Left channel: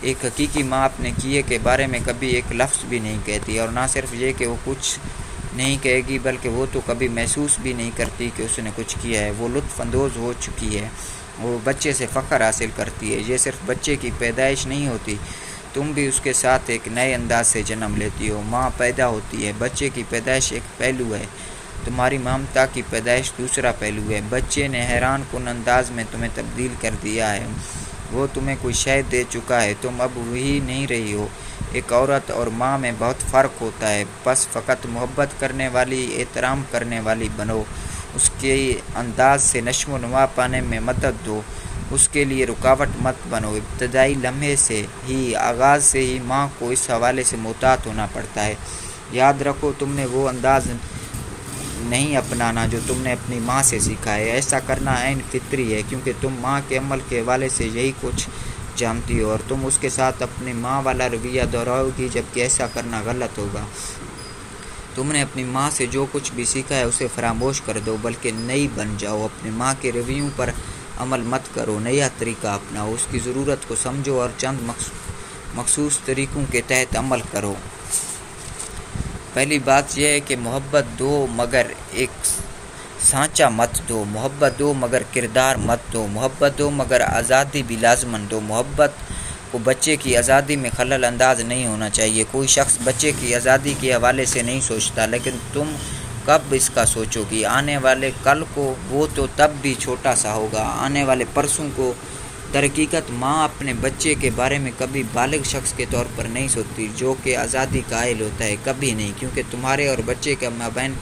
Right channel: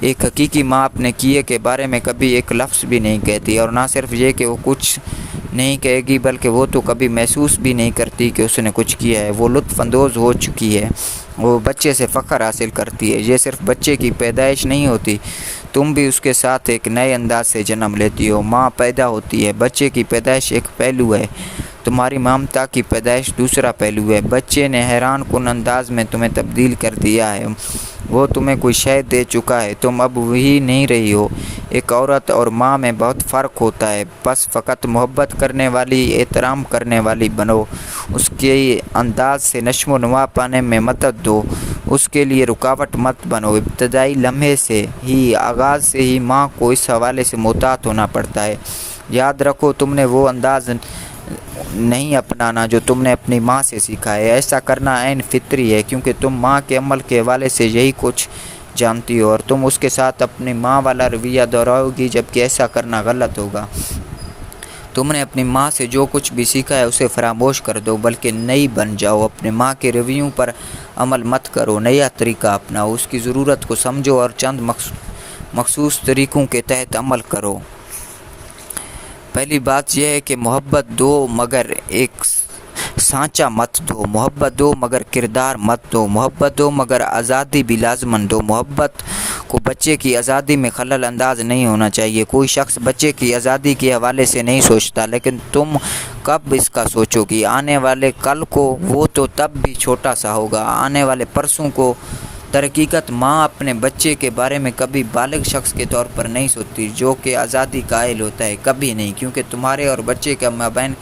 ایک حقیقی ماں اپنے کیے کے بارے میں کبھی ایک لفظ بھی نہیں کہتی، اور نہ صرف یہ کہ وہ کچھ نہیں کہے گی بلکہ وہ تو کبھی محسوس بھی نہیں کرتی کہ اس نے کچھ کیا ہے۔ وہ لطف اندوز ہو چکی ہے، وہ بچے سے فخر حاصل کرتی ہے۔ یہ صرف بچے کی پیدائش نہیں ہوتی، تم بھی اس کے ساتھ ایک نئے انداز سے جنم لیتی ہو۔ ماں پیدا ہوتی ہے، بچے کی پیدائش ایک پہلو ہے، تمہاری ممتا کی پیدائش دوسرا پہلو ہے۔ بچے نے حیران کن انداز میں تمہیں تبدیل کر دیا ہے، وہ تمہیں کوئی شے دے چکا ہے، تم اب وہی نہیں رہی ہو۔ ایک عورت اور ماں میں بہت فرق ہوتا ہے، بس فقط محبت کرنے والی، احترام کرنے والی بنو، اس کے انداز سے نشو و نما پانے میں مدد دو، اس کے لیے رکاوٹ مت بنو۔ ابتدائی لمحے سے ہی، آغاز سے ہی ماں کو اس حوالے سے محتاط ہونا پڑتا ہے۔ یاد رکھو، تم نے وہ انداز نہیں اپنانا جو تم نے اپنی ماں سے سیکھا ہے۔ ایسا کرنا عین فطری ہے، کیونکہ تم ماں کے عمل کے حوالے سے یہی کچھ جانتی ہو، اور تم اس کے ساتھ اپنی ماں والا رویہ دہراؤ گی، جبکہ ایسا کرنا غلط ہوگا۔ تم نے اپنی ماں سے جو کچھ بھی سیکھا ہے اسے فراموش کر دو، بلکہ نئی بن جاؤ۔ اپنے ماں کے رویوں پر عمل مت کرو، نیا طریقہ اپناؤ، اس کی ضرورت کو سمجھو اور چند مخصوص طریقوں کے تحت عمل کرو۔ پہلی بات یہ ہے کہ محبت دو مگر ایک سانچہ مت دو، محبت دو مگر کردار مت دو، محبت دو مگر آزادی بھی لازماً دو۔ محبت کو بچے کی آزادی میں خلل انداز نہیں ہونا چاہیے۔ کوئی شخص بچے کی آزادی کے حوالے سے نہیں سوچتا، لیکن تم کب اس کا سوچو گی؟ آنے والے کل کو، وہ تو تب بھی چھوٹا سا ہوگا، آنے والے پرسوں کو۔ درحقیقت ماں اپنے بچے کے بارے میں کبھی بالغ شخص کے طور پر نہیں سوچتی جو کہ آزادی قائل ہوتا ہے، کبھی نہیں، کیونکہ تمہارے اور بچے کے مابین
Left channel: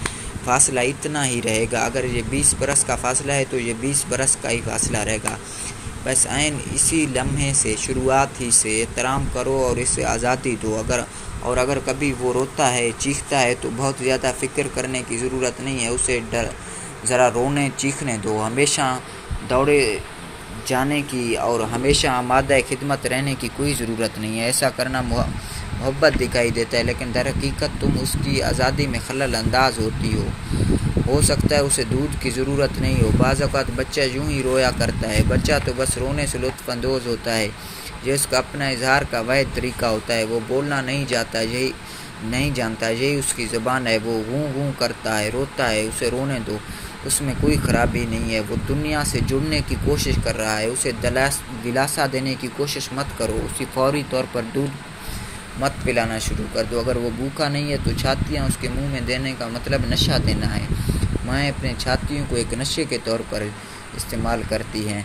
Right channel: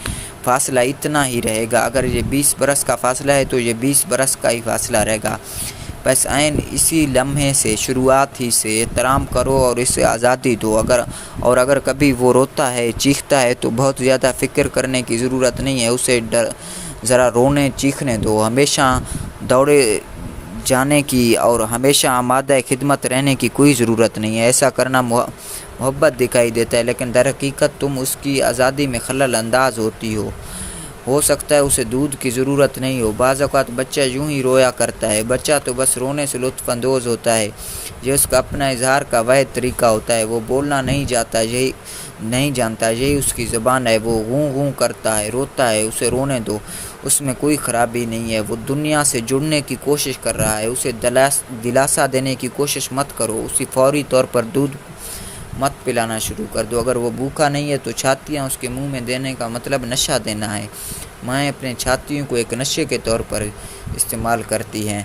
فاصلہ اتنا ہی رہے گا۔ اگر یہ 20 برس کا فاصلہ ہے تو یہ 20 برس کا ہی فاصلہ رہے گا۔ بس عین اسی لمحے سے، شروعات ہی سے احترام کرو اور اسے آزادی دو۔ اگر کبھی وہ روتا ہے، چیختا ہے تو بہت زیادہ فکر کرنے کی ضرورت نہیں ہے، اسے ذرا رونے چیخنے دو۔ ہمیشہ دوڑے جانے کی اور ہمیشہ آمادہ خدمت رہنے کی کوئی ضرورت نہیں ہے۔ ایسا کرنا محبت دکھائی دیتا ہے، لیکن در حقیقت تم اس کی آزادی میں خلل انداز ہوتی ہو سکتا ہے اسے دودھ کی ضرورت نہیں ہو۔ بعض اوقات بچہ یوں ہی رویا کرتا ہے، بچہ تو بس رونے سے لطف اندوز ہوتا ہے، یہ اس کا اپنا اظہار کا واحد طریقہ ہوتا ہے۔ وہ بولنا نہیں جانتا، یہی اس کی زبان ہے۔ وہ غوں غوں کرتا ہے، روتا ہے، اسے رونے دو، اس میں کوئی خرابی نہیں ہے۔ وہ دنیا سے جڑنے کی کوشش کر رہا ہے، اسے دلاسا دینے کی کوشش مت کرو، اسے فوری طور پر دودھ مت پلانا شروع کر دو۔ اگر وہ بھوکا نہیں ہے تو چھاتیاں اس کے منہ میں دینے کا مطلب نشہ دینا ہے۔ مائیں اپنے چھاتیوں کو ایک نشے کے طور پر استعمال کرتی ہیں۔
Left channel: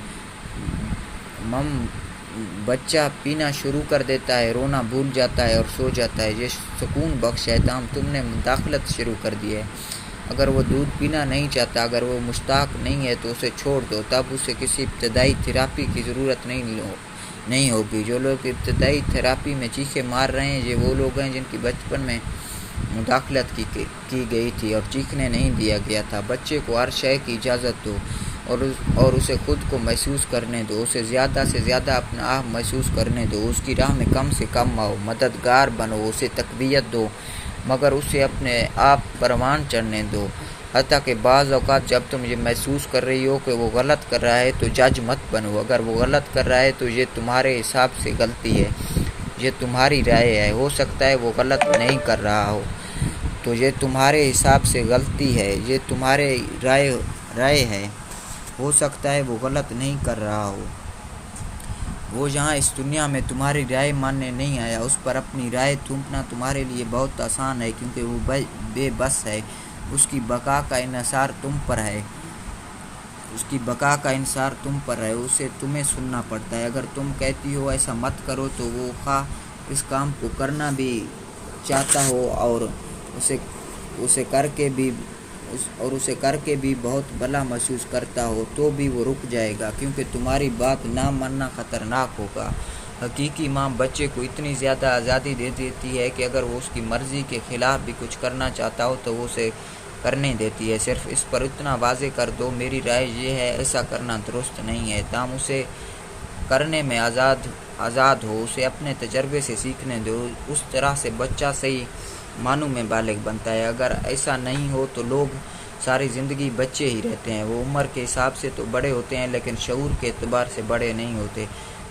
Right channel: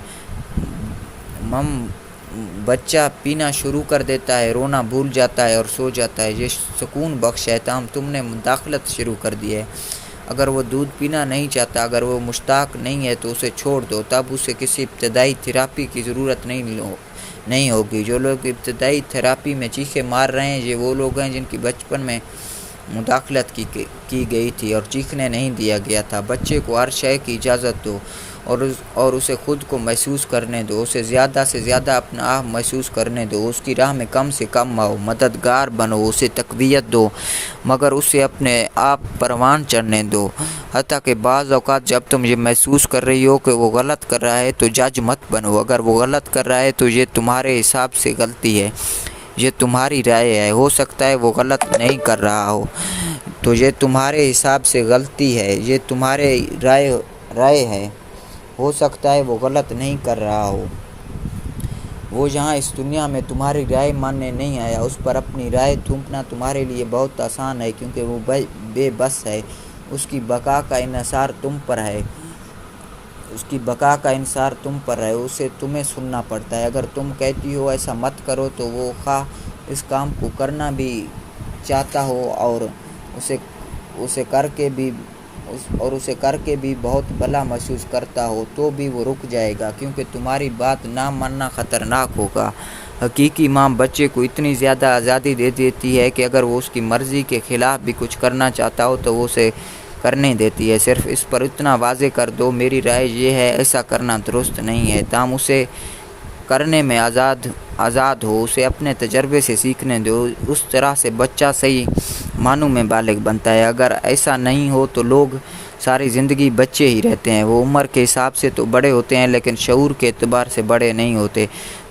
بچہ پینا شروع کر دیتا ہے، رونا بھول جاتا ہے اور سو جاتا ہے، یہ سکون بخش ہے، تاہم تم نے مداخلت شروع کر دی ہے۔ اگر وہ دودھ پینا نہیں چاہتا، اگر وہ مشتاق نہیں ہے تو اسے چھوڑ دو، تب اسے کسی ابتدائی تھراپی کی ضرورت نہیں ہوگی۔ جو لوگ ابتدائی تھراپی میں چیخیں مار رہے ہیں، یہ وہ لوگ ہیں جن کی بچپن میں مداخلت کی گئی تھی اور چیخنے نہیں دیا گیا تھا۔ بچے کو ہر شے کی اجازت دو اور اسے خود کو محسوس کرنے دو، اسے زیادہ سے زیادہ اپنا آپ محسوس کرنے دو، اس کی راہ میں کم سے کم آؤ، مددگار بنو، اسے تقویت دو، مگر اسے اپنے آپ پروان چڑھنے دو۔ حتیٰ کہ بعض اوقات جب تم یہ محسوس کر رہی ہو کہ وہ غلط کر رہا ہے تو جج مت بنو۔ اگر وہ غلط کر رہا ہے تو یہ تمہارے حساب سے غلطی ہے، یہ تمہاری رائے ہے۔ ہو سکتا ہے وہ غلط نہیں کر رہا ہو، تو یہ تمہارے حساب سے غلطی ہے، یہ تمہاری رائے ہے۔ ہو سکتا ہے وہ غلط نہیں کر رہا ہو، وہ یہاں اس دنیا میں تمہاری رائے ماننے نہیں آیا۔ اس پر اپنی رائے تھوپنا تمہارے لیے بہت آسان ہے، کیونکہ وہ بے بس ہے، اس کی بقا کا انحصار تم پر ہے، اسے تمہیں سننا پڑتا ہے۔ اگر تم کہتی ہو ایسا مت کرو تو وہ خواہ اس کام کو کرنا بھی چاہتا ہو اور اسے کر کے بھی بہت بھلا محسوس کرتا ہو، تو بھی وہ رک جائے گا، کیونکہ تمہاری بات نہ ماننا خطرناک ہوگا۔ حقیقی ماں بچے کو اتنی زیادہ آزادی دے دیتی ہے کہ اگر وہ اس کی مرضی کے خلاف بھی کچھ کرنا چاہتا ہو تو وہ اسے کرنے دیتی ہے۔ صرف اس پر اتنا واضح کر دو، میری رائے یہ ہے، ایسا کرنا درست نہیں ہے، تاہم اسے کرنے میں آزاد ہو، اسے اپنے تجربے سے سیکھنے دو۔ اس طرح سے بچہ صحیح معنوں میں بالغ بنتا ہے۔ اگر ایسا نہیں ہو تو لوگ ساری زندگی بچے ہی رہتے ہیں۔ وہ عمر کے حساب سے تو بڑے ہوتے ہیں، لیکن شعور کے اعتبار سے بڑے نہیں ہوتے۔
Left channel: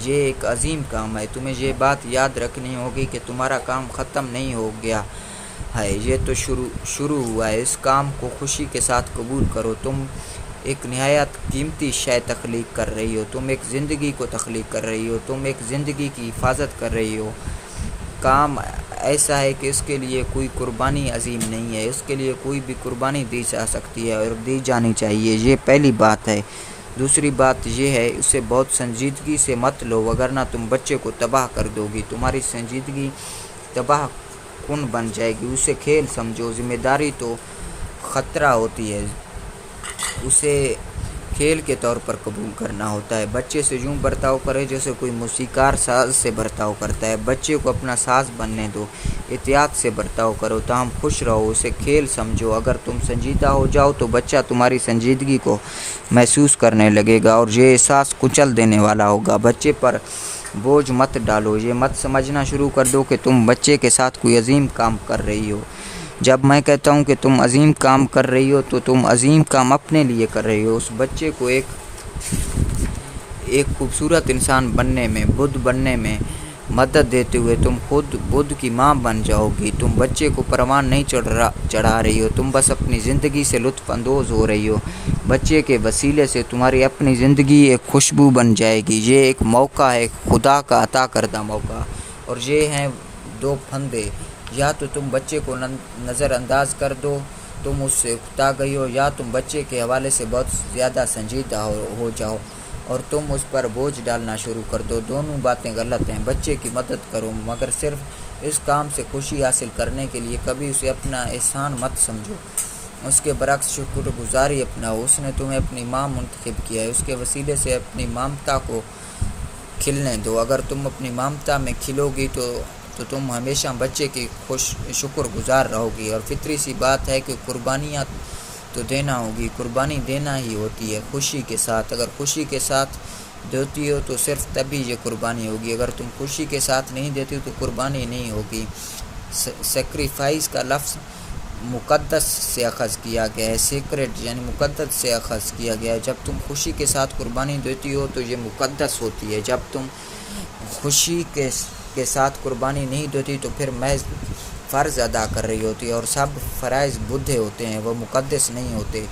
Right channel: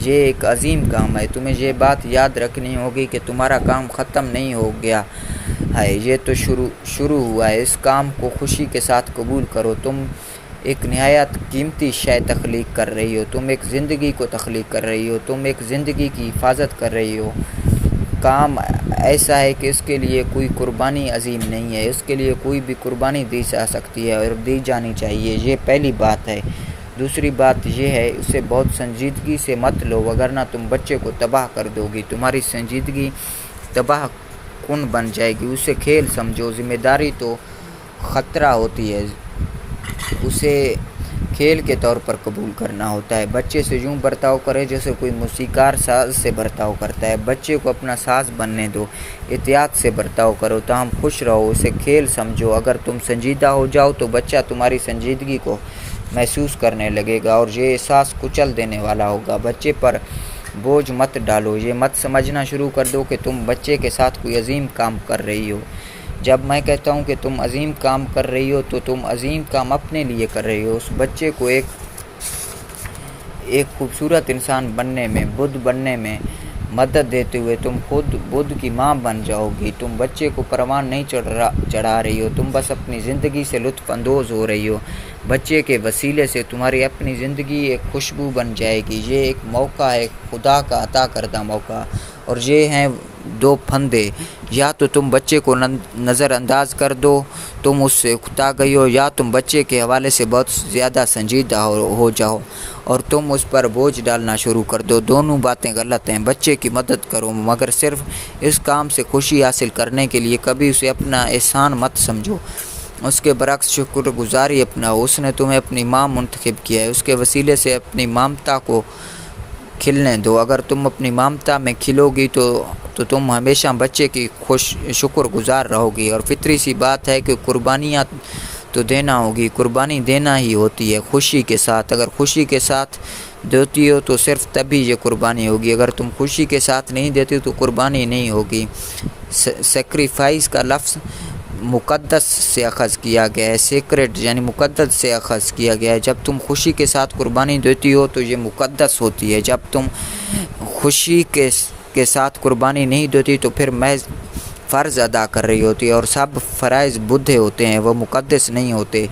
یہ ایک عظیم کام ہے۔ تمہیں یہ بات یاد رکھنی ہوگی کہ تمہارا کام ختم نہیں ہو گیا ہے، یہ تو شروع ہوا ہے۔ اس کام کو خوشی کے ساتھ قبول کرو۔ تم ایک نہایت قیمتی شے تخلیق کر رہی ہو، تم ایک زندگی کو تخلیق کر رہی ہو، تم ایک زندگی کی حفاظت کر رہی ہو۔ کام ایسا ہے کہ اس کے لیے کوئی قربانی عظیم نہیں ہے، اس کے لیے کوئی بھی قربانی دی جا سکتی ہے اور دی جانی چاہیے، یہ پہلی بات ہے۔ دوسری بات یہ ہے، اسے بہت سنجیدگی سے مت لو، وگرنہ تم بچے کو تباہ کر دو گی، تمہاری سنجیدگی تباہ کن بن جائے گی۔ اسے کھیل سمجھو، ذمہ داری تو خطرہ ہوتی ہے، اسے کھیل کے طور پر قبول کرنا ہوتا ہے۔ بچے سے یوں برتاؤ کرے جیسے کوئی موسیقار ساز سے برتاؤ کرتا ہے، بچے کو اپنا ساز بننے دو، احتیاط سے برتاؤ کرو، تاہم خوش رہو، اسے کھیل سمجھو۔ اگر تم سنجیدہ ہو جاؤ تو بچہ تمہاری سنجیدگی کو محسوس کرنے لگے گا اور یہ احساس کچل دینے والا ہوگا۔ بچے پر بوجھ مت ڈالو، یہ مت سمجھنا شروع کر دو کہ تم بچے کے ساتھ کوئی عظیم کام کر رہی ہو۔ جب میں کہتا ہوں کہ تم عظیم کام کر رہی ہو تو تم عظیم کام اپنے لیے کر رہی ہو۔ اس بچے کو ایک خوبصورت انسان بننے میں، بدھ بننے میں مدد دیتے ہوئے تم خود بدھ کی ماں بن جاؤ گی۔ تم بچے کو پروان نہیں چڑھا رہی ہو، تم بس اپنی زندگی سے لطف اندوز ہو رہی ہو۔ بچے کے وسیلے سے تمہاری اپنی زندگی ایک خوشبو بن جائے گی۔ یہ ایک موقع ہے، خدا کا عطا کردہ موقع، اور یہ ہیں دو پھندے، یا تو تم بچے کو نظر انداز کر دو، تم اس سے اکتا گئی ہو، یا تم بچے کے حوالے سے بہت زیادہ سنجیدہ ہو جاؤ اور تم اس پر بوجھ ڈالنا شروع کر دو۔ دونوں باتیں غلط ہیں۔ بچے کی مدد کرو، مگر صرف اس کام سے خوشی حاصل کرنے کے لیے، کبھی اسے اپنا احسان مت سمجھو، اس کے برعکس شکر گزاری اپناؤ۔ اس نے تمہیں اپنی ماں منتخب کیا ہے، اس کے وسیلے سے اپنی مامتا کو کھلنے دو۔ اگر تم اپنی مامتا میں کھلو گی تو تم ہمیشہ بچے کی شکر گزار رہو گی، اور فطری سی بات ہے کہ قربانیاں تو دینا ہوگی، قربانی دینا ہی ہوتی ہے خوشی کے ساتھ۔ اگر خوشی کے ساتھ دیتی ہو تو صرف تبھی یہ قربانی ہوگی، اگر تم خوشی کے ساتھ نہیں دیتی تو قربانی نہیں ہوگی۔ سیکریفائس کا لفظ مقدس سے اخذ کیا گیا ہے، سیکرٹ یعنی مقدس سے اخذ کیا گیا ہے۔ جب تم خوشی کے ساتھ قربانی دیتی ہو تو یہ مقدس ہوتی ہے، جب تم خوشی کے ساتھ قربانی نہیں دیتی تو پھر محض فرض ادا کر رہی ہوتی ہے، اور سب فرائض بدھے ہوتے ہیں، وہ مقدس نہیں ہوتے۔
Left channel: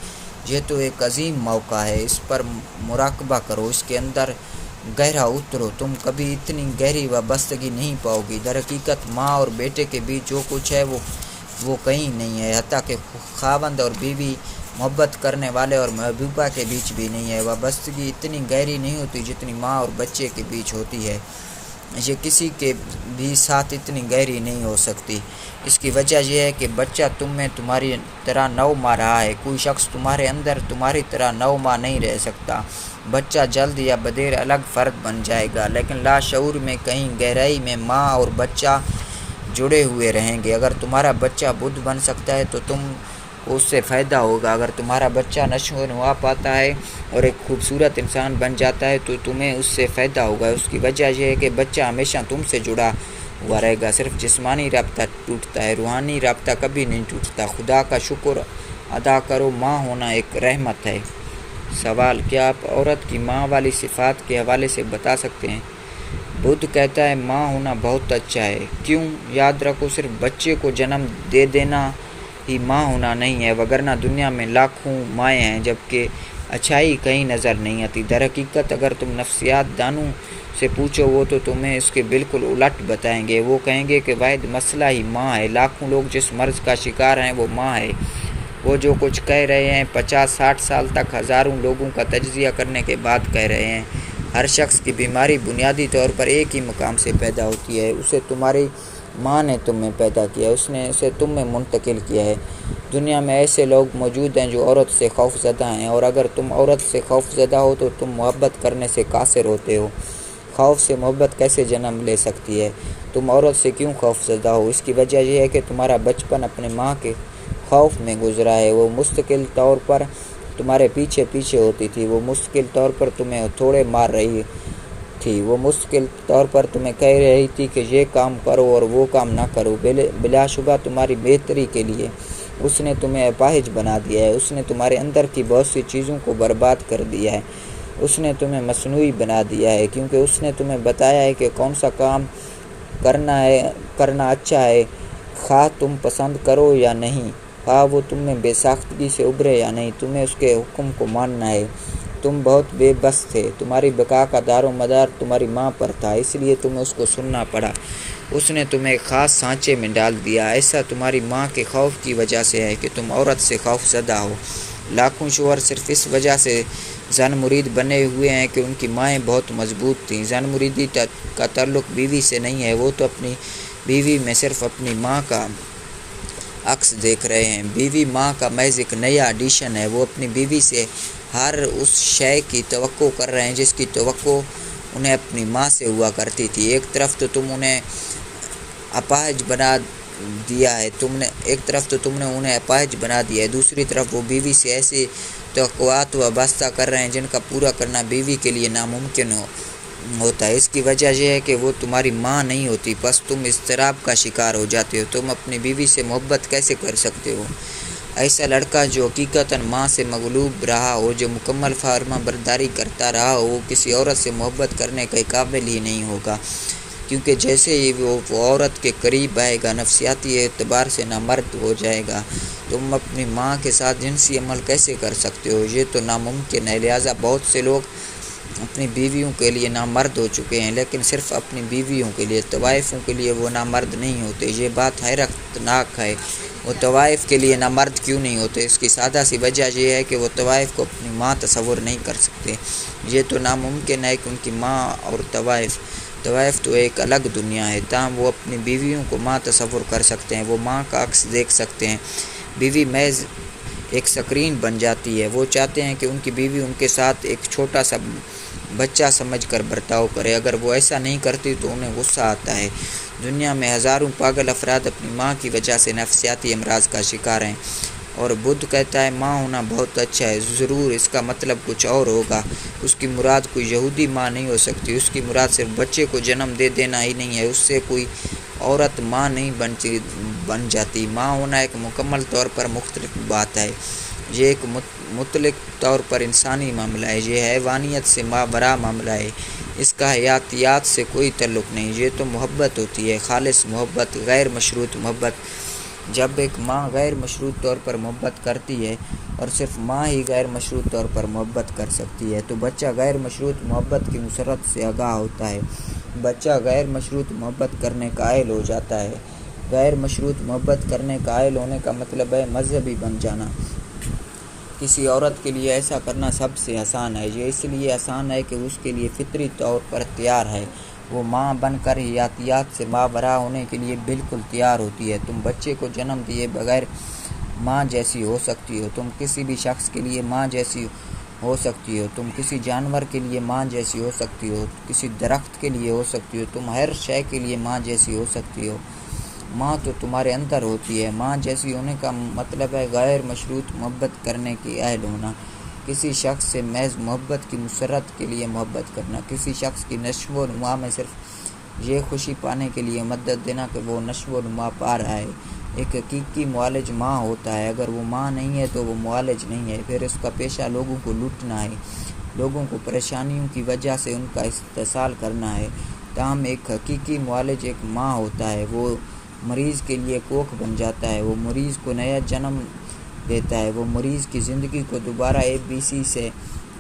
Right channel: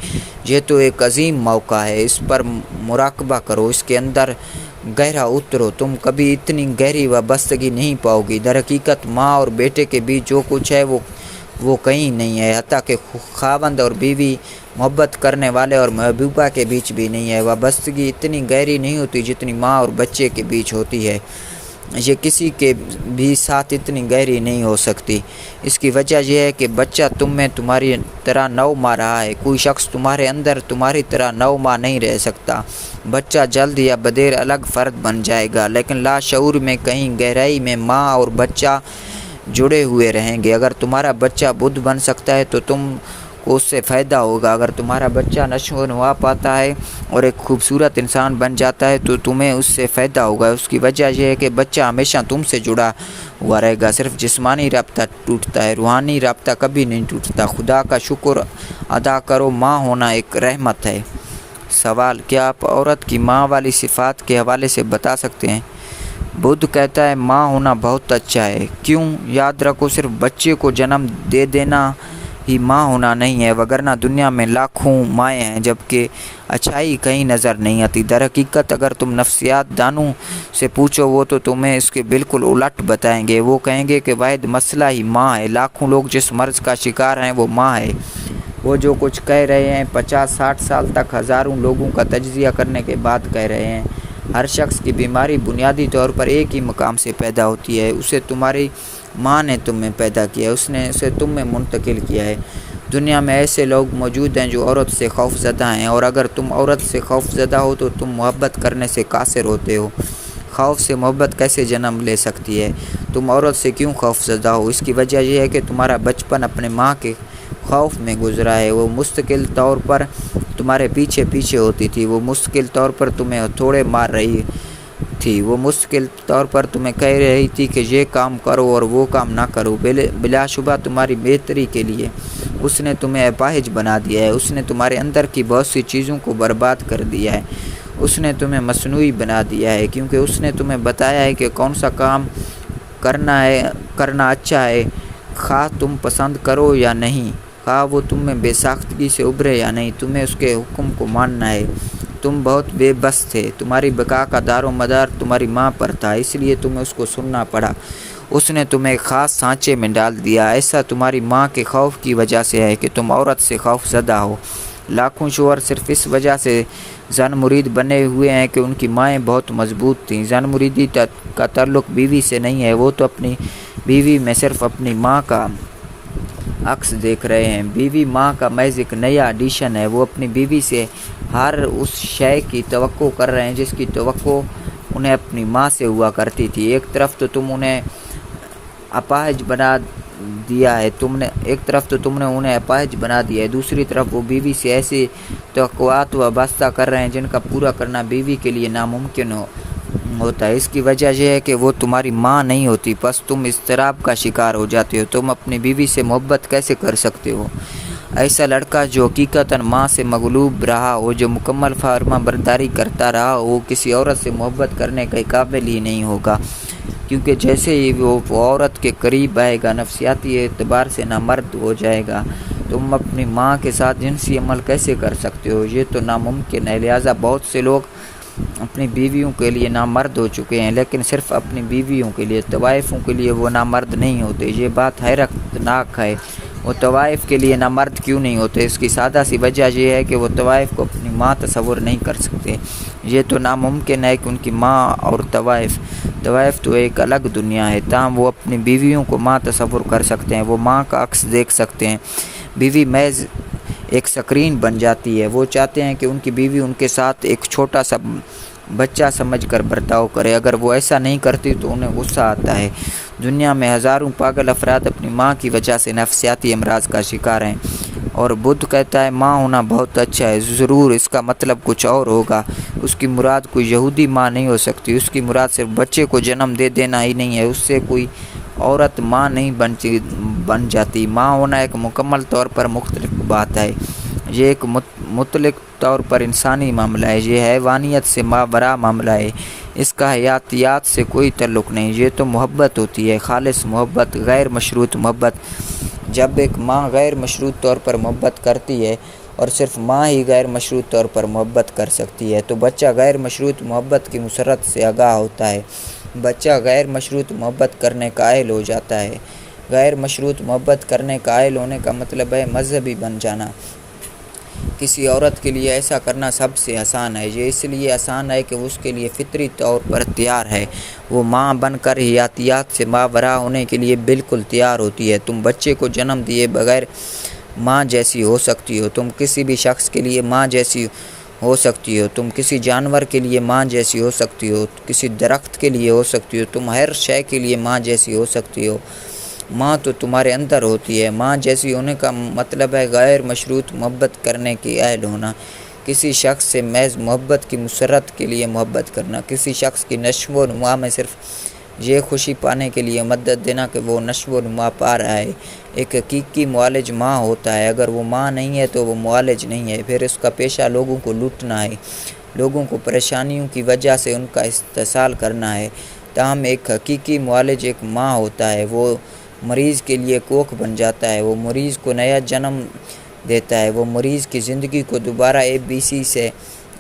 یہ تو ایک عظیم موقع ہے، اس پر مراقبہ کرو، اس کے اندر گہرا اترو، تم کبھی اتنی گہری وابستگی نہیں پاؤ گی۔ در حقیقت ماں اور بیٹے کے بیچ جو کچھ ہے وہ کہیں نہیں ہے، حتیٰ کہ خاوند اور بیوی، محبت کرنے والے اور محبوبہ کے بیچ بھی نہیں ہے۔ وابستگی اتنی گہری نہیں ہوتی جتنی ماں اور بچے کے بیچ ہوتی ہے، یہ کسی کے بھی ساتھ اتنی گہری نہیں ہو سکتی۔ اس کی وجہ یہ ہے کہ بچہ تم میں تمہاری طرح نو ماہ رہا ہے، کوئی شخص تمہارے اندر تمہاری طرح 9 ماہ نہیں رہ سکتا۔ بچہ جلد یا بدیر الگ فرد بن جائے گا، لیکن لاشعور میں کہیں گہرائی میں ماں اور بچہ جڑے ہوئے رہیں گے۔ اگر تمہارا بچہ بدھ بن سکتا ہے تو تم کو اس سے فائدہ ہوگا، اگر تمہارا بچہ نشو و نما پاتا ہے اور ایک خوبصورت انسان بن جاتا ہے تو تمہیں اس سے فائدہ ہوگا۔ اس کی وجہ یہ ہے کہ بچہ ہمیشہ تم سے جڑا ہوا رہے گا، صرف جسمانی رابطہ ٹوٹتا ہے، روحانی رابطہ کبھی نہیں ٹوٹتا۔ خدا کا شکر ادا کرو، ماں ہونا ایک رحمت ہے۔ سوال: کیا آپ عورت کی ماں والی صفات کے حوالے سے بتا سکتے ہیں؟ بدھ کہتا ہے ماں ہونا بہت اچھا ہے۔ کیوں؟ یاد رکھو، صرف بچے کو جنم دے دینا ہی ماں ہونا نہیں ہے، وگرنہ دنیا میں لاکھوں مائیں ہیں جبکہ اچھائی کہیں نظر نہیں آتی۔ در حقیقت اگر تم نفسیات دانوں سے پوچھو وہ تو تمہیں اس کے بالکل الٹ بتائیں گے۔ وہ کہیں گے کہ واحد مسئلہ ہی ماں ہے، لاکھوں لوگ جس مرض کا شکار ہیں وہ ماں ہے۔ وہ جو کچھ کہہ رہے ہیں 50-60 سال تک ہزاروں لوگوں کا تجزیہ کرنے کے بعد کہہ رہے ہیں۔ ہر شخص کی بیماری بنیادی طور پر ایک ہی مقام سے پیدا ہوتی ہے، اسے تمہاری ماں نے تم میں پیدا کیا ہے، اس نے اسے تم میں منتقل کیا ہے۔ دنیا میں ایسے لوگ موجود ہیں جو عورت سے خوف زدہ ہیں، اور اگر تم عورت سے خوف زدہ ہو تو تم محبت کرنے سے قاصر ہوتے ہو۔ خوف سے محبت کیسے جنم لے سکتی ہے؟ تم عورت سے کیوں خوف زدہ ہو؟ اس کی وجہ یہ ہے کہ تمہارا بچپن اپنے ماں کے خوف میں گزرا ہے۔ وہ مستقل طور پر تمہارے پیچھے ہوتی تھی، وہ مستقل طور پر تمہیں ہتھوڑے مار رہی تھی، وہ مستقل طور پر تمہیں کہہ رہی تھی کہ یہ کام کرو اور وہ کام نہ کرو، بلا شبہ تمہاری بہتری کے لیے۔ اس نے تمہیں اپاہج بنا دیا ہے، اس نے تمہارے اندر کی بہت سی چیزوں کو برباد کر دیا ہے، اس نے تمہیں مصنوعی بنا دیا ہے، کیونکہ اس نے تمہیں بتایا ہے کہ کون سا کام کرنا اچھا ہے، خواہ تم پسند کرو یا نہیں، خواہ وہ تم میں بے ساختگی سے ابھرے یا نہیں، تمہیں اس کے حکم کو ماننا ہے۔ تم بہت بے بس تھے، تمہاری بقا کا دار و مدار تمہاری ماں پر تھا، اس لیے تمہیں اس کو سننا پڑا۔ اس نے تمہیں ایک خاص سانچے میں ڈال دیا۔ ایسا تمہاری ماں کے خوف کی وجہ سے ہے کہ تم عورت سے خوف زدہ ہو۔ لاکھوں شوہر صرف اس وجہ سے زن مرید بنے ہوئے ہیں کہ ان کی مائیں بہت مضبوط تھیں۔ زن مریدی کا تعلق بیوی سے نہیں ہے، وہ تو اپنی بیوی میں صرف اپنی ماں کا عکس دیکھ رہے ہیں۔ بیوی ماں کا محض ایک نیا ایڈیشن ہے۔ وہ اپنی بیوی سے ہر اس شے کی توقع کر رہے ہیں جس کی توقع انہیں اپنی ماں سے ہوا کرتی تھی۔ ایک طرف تو تم انہیں اپاہج بنا دیا ہے، انہیں اپاہج بنا دیا ہے، دوسری طرف وہ بیوی سے ایسی توقعات وابستہ کر رہے ہیں جن کا پورا کرنا بیوی کے لیے ناممکن ہوتا ہے۔ اس کی وجہ یہ ہے کہ وہ تمہاری ماں نہیں ہوتی، بس تم اضطراب کا شکار ہو جاتے ہو۔ تم اپنی بیوی سے محبت کیسے کر سکتے ہو؟ ایسا لڑکا جو حقیقتاً ماں سے مغلوب رہا ہو، جو مکمل فرما برداری کرتا رہا ہو، وہ کسی عورت سے محبت کرنے کے قابل ہی نہیں ہوگا، کیونکہ جیسے ہی وہ عورت کے قریب آئے گا نفسیاتی اعتبار سے نامرد ہو جائے گا۔ تم اپنی ماں کے ساتھ جنسی عمل کیسے کر سکتے ہو؟ یہ تو ناممکن ہے۔ لہٰذا بہت سے لوگ اپنی بیویوں کے لیے نامرد ہو چکے ہیں، لیکن صرف اپنی بیویوں کے لیے، طوائفوں کے لیے وہ نامرد نہیں ہوتے۔ یہ بات حیرت ناک ہے۔ وہ طوائف کے لیے نامرد کیوں نہیں ہوتے؟ اس کی سادہ سی وجہ یہ ہے کہ وہ طوائف کو اپنی ماں تصور نہیں کر سکتے۔ یہ تو ناممکن ہے کہ ان کی ماں اور طوائف تو ایک الگ دنیا ہے، تاہم وہ اپنی بیویوں کو ماں تصور کر سکتے ہیں، وہ ماں کا عکس دیکھ سکتے ہیں۔ بیوی محض ایک سکرین بن جاتی ہے۔ وہ چاہتے ہیں کہ ان کی بیوی ان کے ساتھ ایک چھوٹا سا بچہ سمجھ کر برتاؤ کرے۔ اگر وہ ایسا نہیں کرتی تو انہیں غصہ آتا ہے۔ دنیا میں ہزاروں پاگل افراد اپنی ماں کی وجہ سے نفسیاتی امراض کا شکار ہیں، اور بدھ کہتا ہے ماں ہونا بہت اچھا ہے۔ ضرور اس کا مطلب کچھ اور ہوگا۔ اس کی مراد کوئی یہودی ماں نہیں ہو سکتی۔ اس کی مراد صرف بچے کو جنم دے دینا ہی نہیں ہے، اس سے کوئی عورت ماں نہیں بن جاتی۔ ماں ہونا ایک مکمل طور پر مختلف بات ہے۔ یہ ایک مطلق طور پر انسانی معاملہ ہے۔ یہ حیوانیت سے ماوراء معاملہ ہے۔ اس کا حیاتیات سے کوئی تعلق نہیں۔ یہ تو محبت ہوتی ہے، خالص محبت، غیر مشروط محبت۔ جب ایک ماں غیر مشروط طور پر محبت کرتی ہے، اور صرف ماں ہی غیر مشروط طور پر محبت کر سکتی ہے، تو بچہ غیر مشروط محبت کی مسرت سے آگاہ ہوتا ہے۔ بچہ غیر مشروط محبت کرنے کا اہل ہو جاتا ہے۔ غیر مشروط محبت کرنے کا اہل ہونے کا مطلب ہے مذہبی بن جانا۔ کسی عورت کے لیے ایسا کرنا سب سے آسان ہے۔ یہ اس لیے آسان ہے کہ اس کے لیے فطری طور پر تیار ہے۔ وہ ماں بن کر حیاتیات سے ماوراء ہونے کے لیے بالکل تیار ہوتی ہے۔ تم بچے کو جنم دیے بغیر ماں جیسی ہو سکتی ہو، تم کسی بھی شخص کے لیے ماں جیسی ہو سکتی ہو، تم کسی جانور کے لیے ماں جیسی ہو سکتی ہو، کسی درخت کے لیے ہو سکتی ہو، تم ہر شے کے لیے ماں جیسی ہو سکتی ہو۔ ماں تو تمہارے اندر ہوتی ہے۔ ماں جیسی ہونے کا مطلب ہے غیر مشروط محبت کرنے کی اہل ہونا، کسی شخص سے محض محبت کی مسرت کے لیے محبت کرنا، کسی شخص کی نشو و نما میں صرف یہ خوشی پانے کے لیے مدد دینا کہ وہ نشو و نما پا رہا ہے۔ ایک حقیقی معالج ماں ہوتا ہے۔ اگر وہ ماں نہیں ہے تو وہ معالج نہیں ہے۔ پھر اس کا پیشہ لوگوں کو لوٹنا ہے، لوگوں کو پریشانیوں کی وجہ سے ان کا استحصال کرنا ہے۔ تاہم ایک حقیقی معالج ایک ماں ہوتا ہے۔ وہ مریض کے لیے کوکھ بن جاتا ہے، وہ مریض کو نیا جنم دیتا ہے، وہ مریض کی زندگی کو دوبارہ ABC سے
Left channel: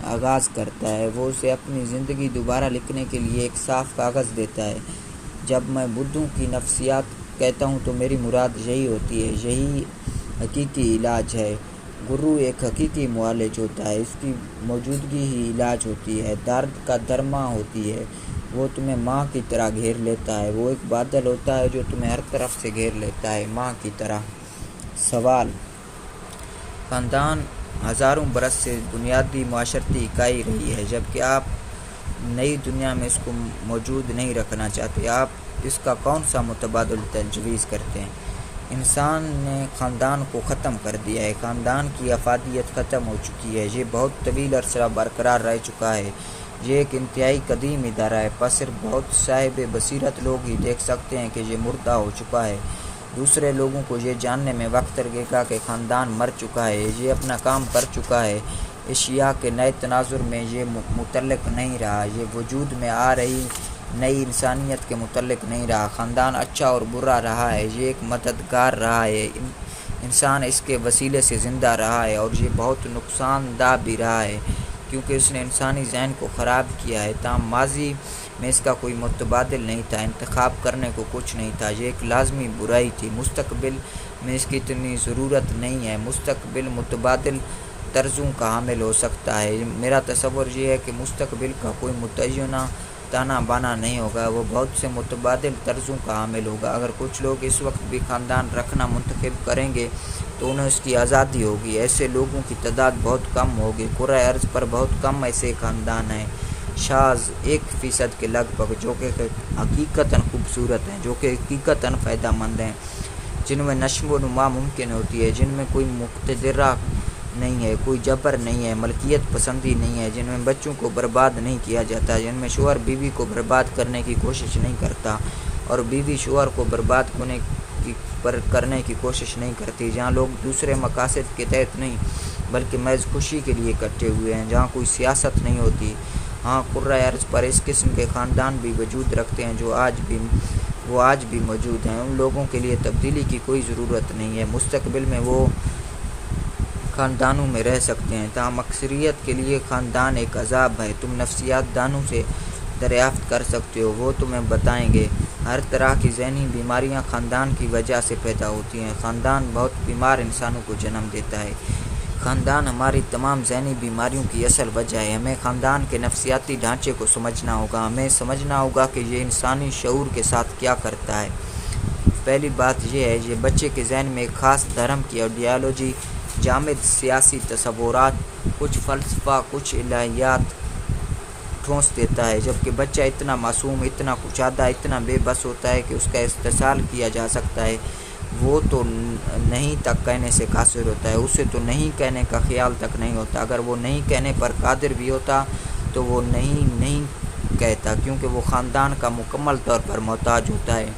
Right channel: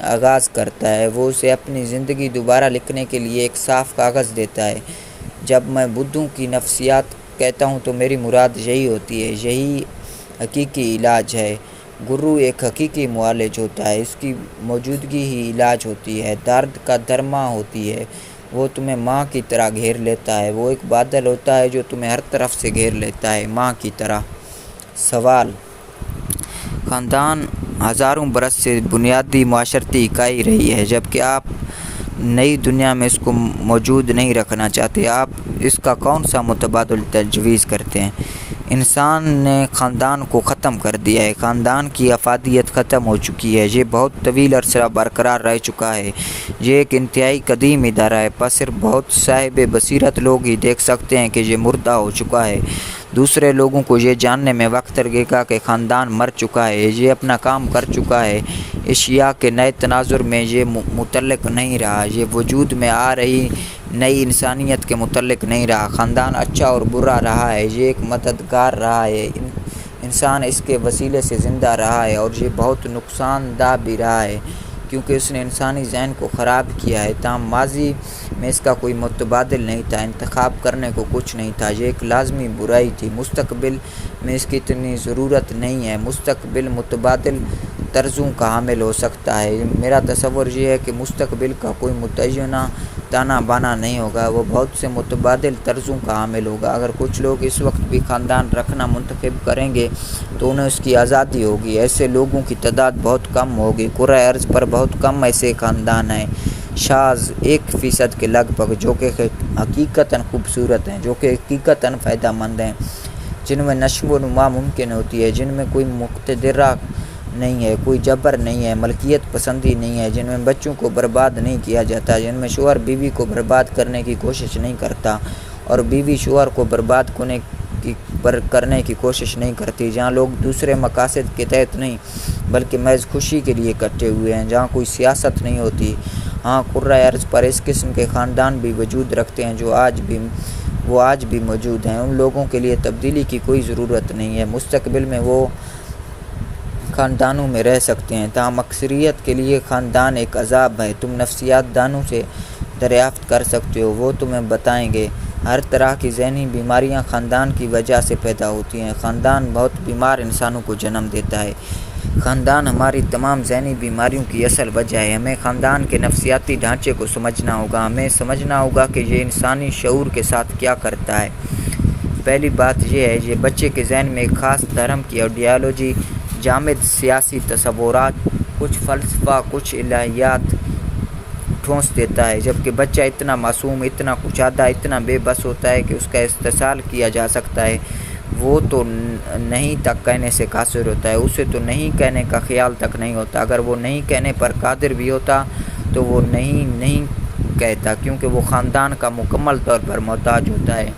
آغاز کرتا ہے، وہ اسے اپنی زندگی دوبارہ لکھنے کے لیے ایک صاف کاغذ دیتا ہے۔ جب میں بدھوں کی نفسیات کہتا ہوں تو میری مراد یہی ہوتی ہے، یہی حقیقی علاج ہے۔ گرو ایک حقیقی معالج ہوتا ہے، اس کی موجودگی ہی علاج ہوتی ہے، درد کا درماں ہوتی ہے۔ وہ تمہیں ماں کی طرح گھیر لیتا ہے، وہ ایک بادل ہوتا ہے جو تمہیں ہر طرف سے گھیر لیتا ہے، ماں کی طرح۔ سوال: خاندان ہزاروں برس سے بنیادی معاشرتی اکائی رہی ہے، جبکہ آپ نئی دنیا میں اس کو موجود نہیں رکھنا چاہتے۔ آپ اس کا کون سا متبادل تجویز کرتے ہیں؟ انسان نے خاندان کو ختم کر دیا ہے۔ خاندان کی افادیت ختم ہو چکی ہے۔ یہ بہت طویل عرصہ برقرار رہ چکا ہے۔ یہ ایک انتہائی قدیم ادارہ ہے، پر صرف بہت صاحب بصیرت لوگ ہی دیکھ سکتے ہیں کہ یہ مردہ ہو چکا ہے۔ دوسرے لوگوں کو یہ جاننے میں وقت لگے گا کہ خاندان مر چکا ہے، یہ اپنا کام کر چکا ہے، اشیاء کے نئے تناظر میں یہ متعلق نہیں رہا، یہ وجود میں آ رہی نئی انسانیت کے متعلق نہیں رہا۔ خاندان اچھا اور برا رہا ہے، یہ ایک مددگار رہا ہے، انسان اس کے وسیلے سے زندہ رہا ہے، اور یہ بہت نقصان دہ بھی رہا ہے کیونکہ اس نے انسانی ذہن کو خراب کیا ہے۔ تاہم ماضی میں اس کا کوئی متبادل نہیں تھا، انتخاب کرنے کو کچھ نہیں تھا، یہ ایک لازمی برائی تھی۔ مستقبل میں اس کی اتنی ضرورت نہیں ہے، مستقبل متبادل طرزوں کا حامل ہو سکتا ہے۔ میرا تصور یہ ہے کہ مستقبل کا کوئی متعینہ تانا بانا نہیں ہوگا، وہ بہت سے متبادل طرزوں کا حامل ہوگا۔ اگر کچھ لوگ اس وقت بھی خاندان رکھنا منتخب کریں گے تو انہیں اس کی آزادی ہوگی، ایسے لوگوں کی تعداد بہت کم ہوگی۔ کرۂ ارض پر بہت کم ایسے خاندان ہیں، شاذ 1% کے لگ بھگ، جو کہ حقیقتاً خوبصورت ہیں، جو کہ حقیقتاً فائدہ مند ہیں، جن میں نشو و نما ممکن ہوتی ہے، جن میں کوئی مقتدرہ نہیں ہے، کوئی جبر نہیں ہے، ملکیت پسندی نہیں ہے، جن میں بچوں کو برباد نہیں کیا جاتا، جن میں شوہر بیوی کو برباد کرنے کی کوشش نہیں کرتا اور بیوی شوہر کو برباد کرنے کی کوشش نہیں کرتی، جہاں لوگ دوسرے مقاصد کے تحت نہیں بلکہ محض خوشی کے لیے اکٹھے ہوئے ہیں، جہاں کوئی سیاست نہیں ہوتی۔ ہاں، کرۂ ارض پر اس قسم کے خاندان بھی وجود رکھتے ہیں جو آج بھی موجود ہیں۔ ان لوگوں کے لیے تبدیلی کی کوئی ضرورت نہیں ہے، مستقبل میں وہ خاندانوں میں رہ سکتے ہیں، تاہم اکثریت کے لیے خاندان ایک عذاب ہے۔ تم نفسیات دانوں سے دریافت کر سکتے ہو، وہ تمہیں بتائیں گے۔ ہر طرح کی ذہنی بیماریاں خاندان کی وجہ سے پیدا ہوتی ہیں۔ خاندان بہت بیمار انسانوں کو جنم دیتا ہے۔ خاندان ہماری تمام ذہنی بیماریوں کی اصل وجہ ہے۔ ہمیں خاندان کے نفسیاتی ڈھانچے کو سمجھنا ہوگا، ہمیں سمجھنا ہوگا کہ یہ انسانی شعور کے ساتھ کیا کرتا ہے۔ پہلی بات یہ ہے، یہ بچے کے ذہن میں ایک خاص دھرم کی آئیڈیالوجی، جامد سیاسی تصورات، کچھ فلسفہ، کچھ الہیات ٹھونس دیتا ہے، جبکہ بچہ اتنا معصوم، اتنا کشادہ، اتنا بے بس ہوتا ہے کہ اس کا استحصال کیا جا سکتا ہے۔ وہ تو نہیں تک کہنے سے قاصر ہوتا ہے، اسے تو نہیں کہنے کا خیال تک نہیں ہوتا۔ اگر وہ نہیں کہنے پر قادر بھی ہوتا تو وہ نہیں کہتا، کیونکہ وہ خاندان کا مکمل طور پر محتاج ہوتا ہے،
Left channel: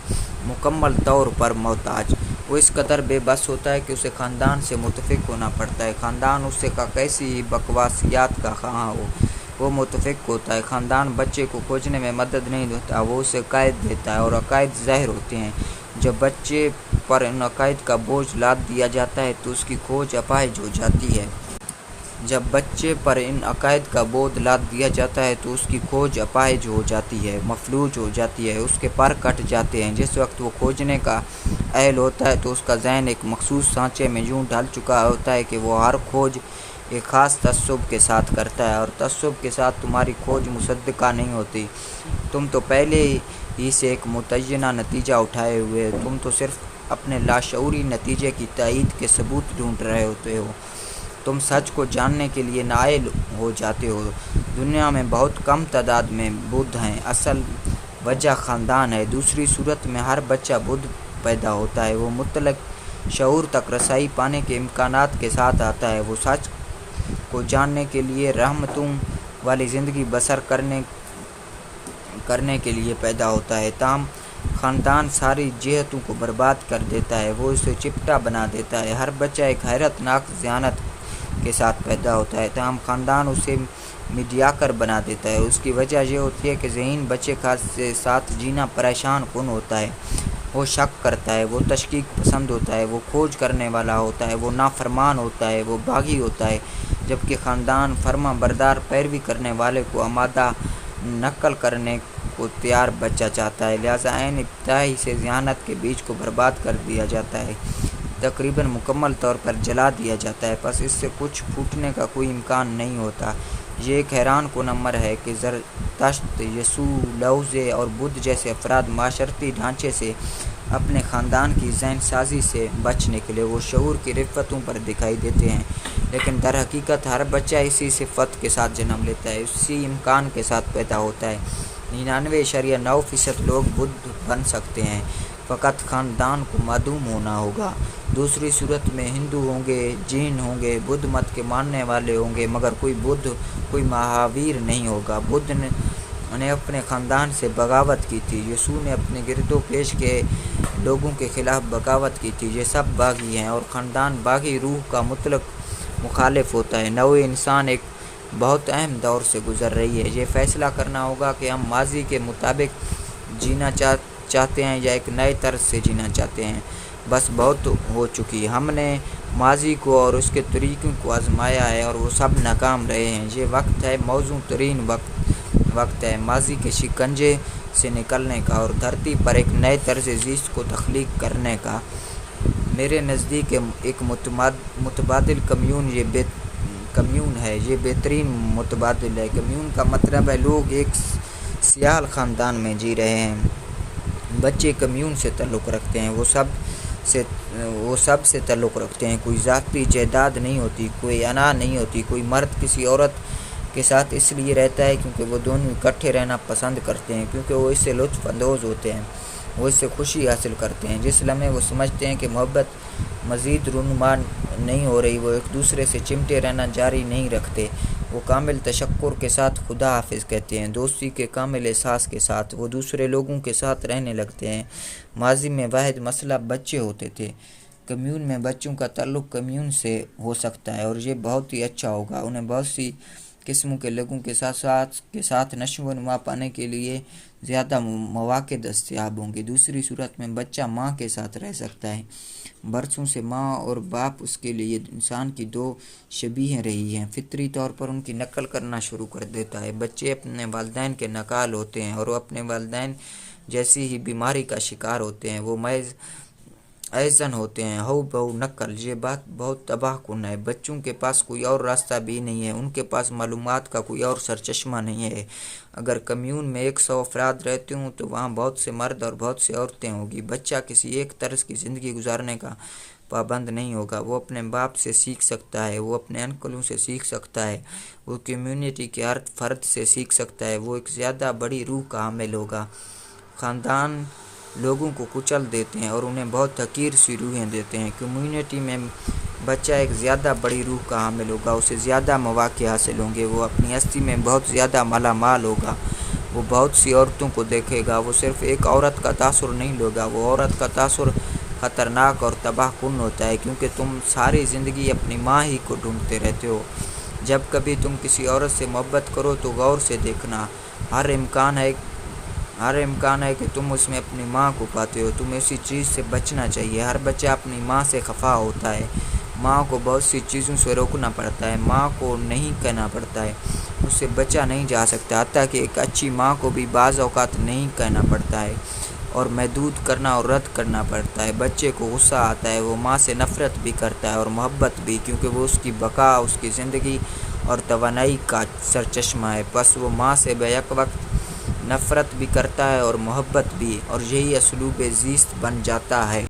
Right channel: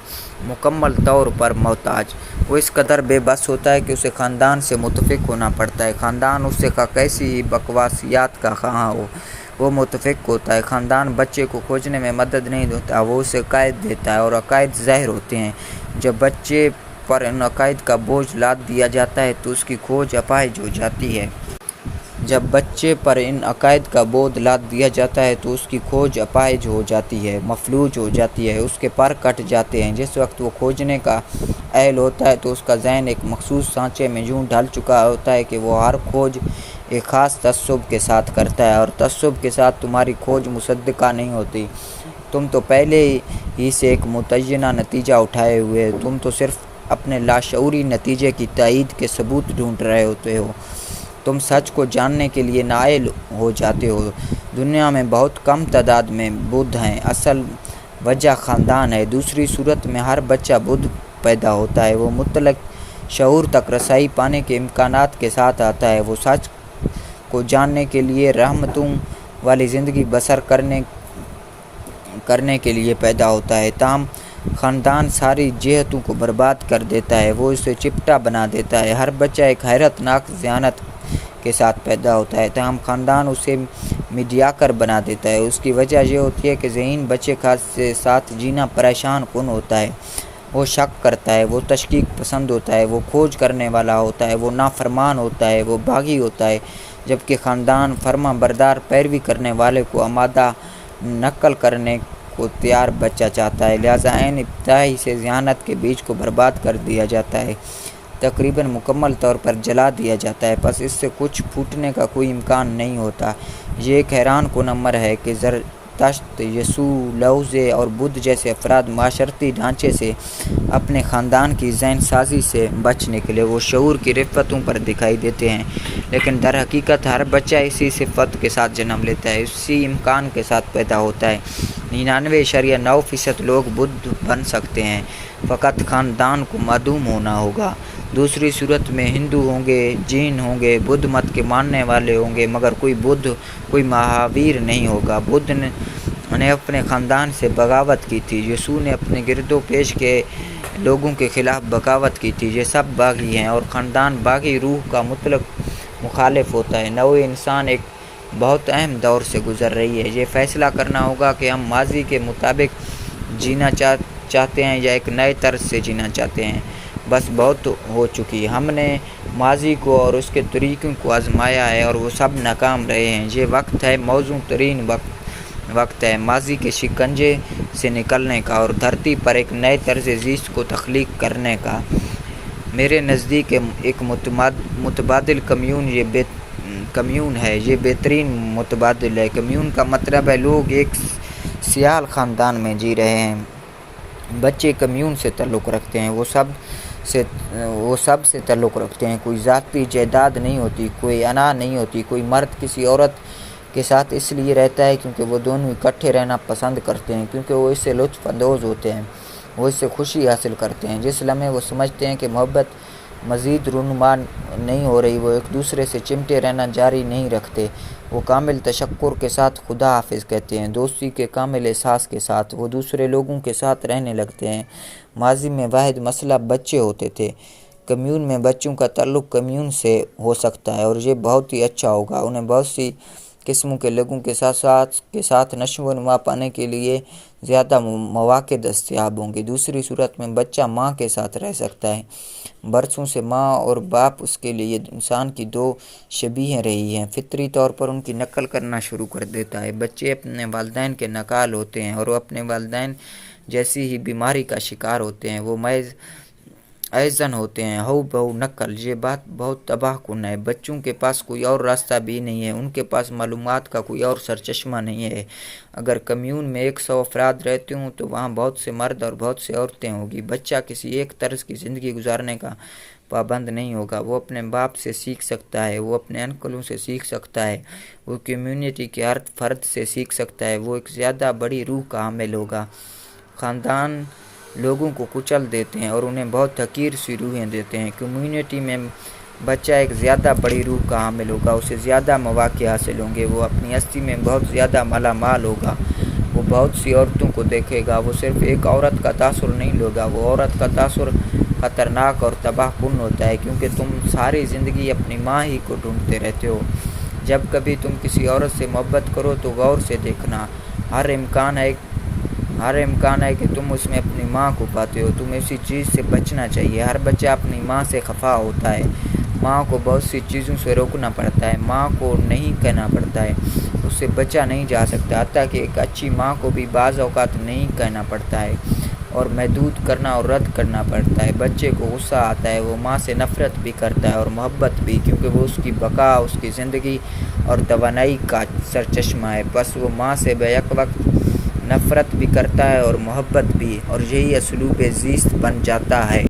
مکمل طور پر محتاج۔ وہ اس قدر بے بس ہوتا ہے کہ اسے خاندان سے متفق ہونا پڑتا ہے، خاندان اس سے کیسی ہی بکواسیات کا خواہاں ہو، وہ متفق ہوتا ہے۔ خاندان بچے کو کھوجنے میں مدد نہیں دیتا، وہ اسے عقائد دیتا ہے، اور عقائد زہر ہوتے ہیں۔ جب بچے پر ان عقائد کا بوجھ لاد دیا جاتا ہے تو اس کی کھوج اپاہج ہو جاتی ہے۔ جب بچے پر ان عقائد کا بوجھ لاد دیا جاتا ہے تو اس کی کھوج اپاہج ہو جاتی ہے، مفلوج ہو جاتی ہے، اس کے پر کٹ جاتے ہیں۔ جس وقت وہ کھوجنے کا اہل ہوتا ہے تو اس کا ذہن ایک مخصوص سانچے میں یوں ڈھل چکا ہوتا ہے کہ وہ ہر کھوج ایک خاص تعصب کے ساتھ کرتا ہے، اور تعصب کے ساتھ تمہاری کھوج مصدقہ نہیں ہوتی۔ تم تو پہلے ہی سے ایک متعینہ نتیجہ اٹھائے ہوئے، تم تو صرف اپنے لاشعوری نتیجے کی تائید کے ثبوت ڈھونڈ رہے ہوتے ہو، تم سچ کو جاننے کے لیے نائل ہو جاتے ہو۔ دنیا میں بہت کم تعداد میں بدھ ہیں، اصل وجہ خاندان ہے۔ دوسری صورت میں ہر بچہ بدھ پیدا ہوتا ہے، وہ مطلق شعور تک رسائی پانے کے امکانات کے ساتھ آتا ہے، وہ سچ کو جاننے کے لیے رحمتوں والی زندگی بسر کرنے کے لیے پیدا ہوتا ہے۔ تاہم خاندان ساری جہتوں کو برباد کر دیتا ہے، وہ اسے چپٹا بنا دیتا ہے۔ ہر بچہ ایک حیرت ناک ذہانت کے ساتھ پیدا ہوتا ہے، تاہم خاندان اسے میڈیاکر بنا دیتا ہے۔ اس کی وجہ یہ ہوتی ہے کہ ذہین بچے کے ساتھ جینا پریشان کن ہوتا ہے، وہ شک کرتا ہے، وہ تشکیک پسند ہوتا ہے، وہ کھوج کرنے والا ہوتا ہے، وہ نافرمان ہوتا ہے، وہ باغی ہوتا ہے، جبکہ خاندان فرما بردار پیروی کرنے والے کو آمادہ نقل کرنے کو تیار بچہ چاہتا ہے، لہذا عین ابتدائی سے ذہانت کے بیج کو برباد کر دیا جاتا ہے، تقریباً مکمل طور پر جلا دیا جاتا ہے، پس اس سے کچھ پھوٹنے کا کوئی امکان نہیں ہوتا۔ یہ ایک حیران کن امر ہے کہ زرتشت، یسوع، لاؤزے اور بدھ جیسے افراد معاشرتی ڈھانچے سے اپنے خاندان کی ذہن سازی سے بچ نکلے، وہ شعور کی رفتوں پر دکھائی دیتے ہیں، لیکن در حقیقت ہر بچہ اسی صفت کے ساتھ جنم لیتا ہے، اسی امکان کے ساتھ پیدا ہوتا ہے۔ 99.9% لوگ بدھ بن سکتے ہیں، فقط خاندان کو معدوم ہونا ہوگا۔ دوسری صورت میں ہندو ہوں گے، جین ہوں گے، بدھ مت کے ماننے والے ہوں گے، مگر کوئی بدھ، کوئی مہاویر نہیں ہوگا۔ بدھ نے اپنے خاندان سے بغاوت کی تھی، یسوع نے اپنے گرد و پیش کے لوگوں کے خلاف بغاوت کی تھی۔ یہ سب باغی ہیں اور خاندان باغی روح کا مطلق مخالف ہوتا ہے۔ نوع انسان ایک بہت اہم دور سے گزر رہی ہے۔ یہ فیصلہ کرنا ہوگا کہ ہم ماضی کے مطابق جینا چاہتے ہیں یا ایک نئے طرز سے جینا چاہتے ہیں۔ بس بہت ہو چکی۔ ہم نے ماضی کو اور اس کے طریقوں کو آزمایا ہے اور وہ سب ناکام رہے ہیں۔ یہ وقت ہے، موزوں ترین وقت ہے ماضی کے شکنجے سے نکلنے کا اور دھرتی پر ایک نئے طرز زیست کو تخلیق کرنے کا۔ میرے نزدیک ایک متبادل کمیون ہے۔ یہ بہترین متبادل ہے۔ کمیون کا مطلب ہے لوگ ایک سیال خاندان میں جی رہے ہیں۔ بچے کمیون سے تعلق رکھتے ہیں، وہ سب سے تعلق رکھتے ہیں۔ کوئی ذاتی جائیداد نہیں ہوتی، کوئی انا نہیں ہوتی۔ کوئی مرد کسی عورت کے ساتھ اس لیے رہتا ہے کیونکہ وہ دونوں اکٹھے رہنا پسند کرتے ہیں، کیونکہ وہ اس سے لطف اندوز ہوتے ہیں، وہ اس سے خوشی حاصل کرتے ہیں۔ جس لمحے وہ سمجھتے ہیں کہ محبت مزید رونما نہیں ہو رہی، وہ ایک دوسرے سے چمٹے رہنا جاری نہیں رکھتے۔ وہ کامل تشکر کے ساتھ خدا حافظ کہتے ہیں، دوستی کے کامل احساس کے ساتھ وہ دوسرے لوگوں کے ساتھ رہنے لگتے ہیں۔ ماضی میں واحد مسئلہ بچے ہوتے تھے۔ کمیون میں بچوں کا تعلق کمیون سے ہو سکتا ہے اور یہ بہت ہی اچھا ہوگا۔ انہیں بہت سی قسموں کے لوگوں کے ساتھ نشو و نما پانے کے لیے زیادہ مواقع دستیاب ہوں گے۔ دوسری صورت میں بچہ ماں کے ساتھ رہ سکتا ہے۔ برسوں سے ماں اور باپ اس کے لیے انسان کی دو شبیہیں رہی ہیں۔ فطری طور پر ان کی نقل کرنا شروع کر دیتا ہے۔ بچے اپنے والدین کے نقال ہوتے ہیں اور وہ اپنے والدین جیسی ہی بیماری کا شکار ہوتے ہیں۔ وہ محض ایزن ہوتے ہیں، ہو بہو نقل۔ یہ بات بہت تباہ کن ہے۔ بچوں کے پاس کوئی اور راستہ بھی نہیں ہے، ان کے پاس معلومات کا کوئی اور سرچشمہ نہیں ہے۔ اگر کمیون میں 100 افراد رہتے ہوں تو وہاں بہت سے مرد اور بہت سے عورتیں ہوں گی۔ بچہ کسی ایک طرز کی زندگی گزارنے کا پابند نہیں ہوگا۔ وہ اپنے باپ سے سیکھ سکتا ہے، وہ اپنے انکلوں سے سیکھ سکتا ہے، وہ کمیونٹی کے ہر فرد سے سیکھ سکتا ہے۔ وہ ایک زیادہ بڑی روح کا حامل ہوگا۔ خاندان لوگوں کو کچل دیتے ہیں اور انہیں بہت حقیر سی روحیں دیتے ہیں۔ کمیونٹی میں بچہ ایک زیادہ بڑی روح کا حامل ہوگا، اسے زیادہ مواقع حاصل ہوں گے، وہ اپنی ہستی میں بہت زیادہ مالا مال ہوگا، وہ بہت سی عورتوں کو دیکھے گا، وہ صرف ایک عورت کا تاثر نہیں لے گا۔ وہ عورت کا تاثر خطرناک اور تباہ کن ہوتا ہے کیونکہ تم ساری زندگی اپنی ماں ہی کو ڈھونڈتے رہتے ہو۔ جب کبھی تم کسی عورت سے محبت کرو تو غور سے دیکھنا، ہر امکان ہے کہ تم اس میں اپنی ماں کو پاتے ہو۔ تمہیں اسی چیز سے بچنا چاہیے۔ ہر بچہ اپنی ماں سے خفا ہوتا ہے۔ ماں کو بہت سی چیزوں سے روکنا پڑتا ہے، ماں کو نہیں کہنا پڑتا ہے، اس سے بچا نہیں جا سکتا، حتیٰ کہ ایک اچھی ماں کو بھی بعض اوقات نہیں کہنا پڑتا ہے اور محدود کرنا اور رد کرنا پڑتا ہے۔ بچے کو غصہ آتا ہے، وہ ماں سے نفرت بھی کرتا ہے اور محبت بھی، کیونکہ وہ اس کی بقا، اس کی زندگی اور توانائی کا سرچشمہ ہے۔ بس وہ ماں سے بیک وقت نفرت بھی کرتا ہے اور محبت بھی، اور یہی اسلوب زیست بن جاتا ہے۔